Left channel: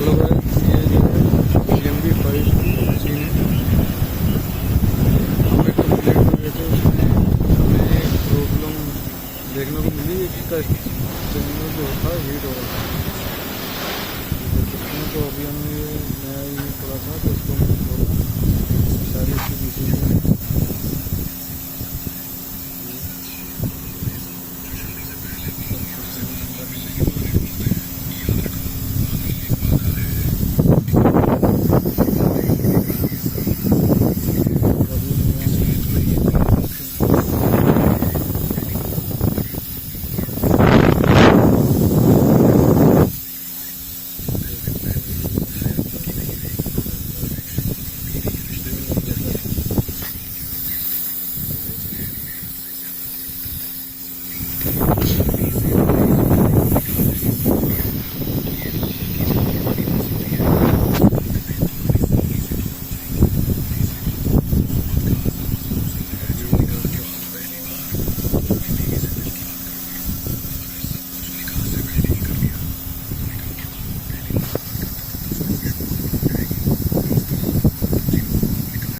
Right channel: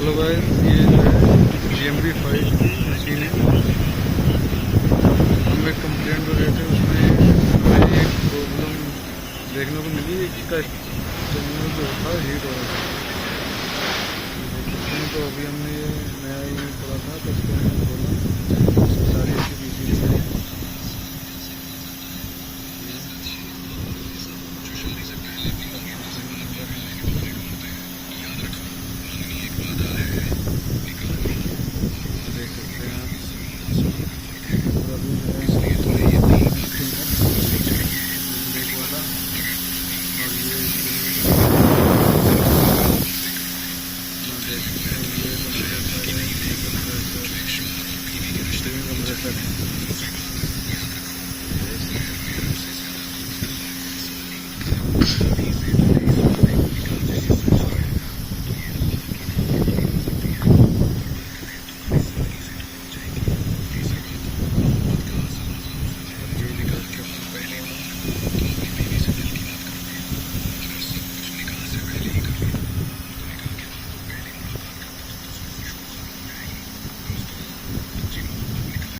Hello guys, ये जो है GMB 5 की मशीन है। हम एक कंप्लेंट हो गए थे, उसमें हमें एक प्रॉब्लम देखने को मिली। इसका सिग्नल जो था हीट हो रहा था, देख सकते हैं। तो अभी हमने ये नया ईमेल खोला था, तो उसको हमने खोला, सारी इसकी मीटिंग में है।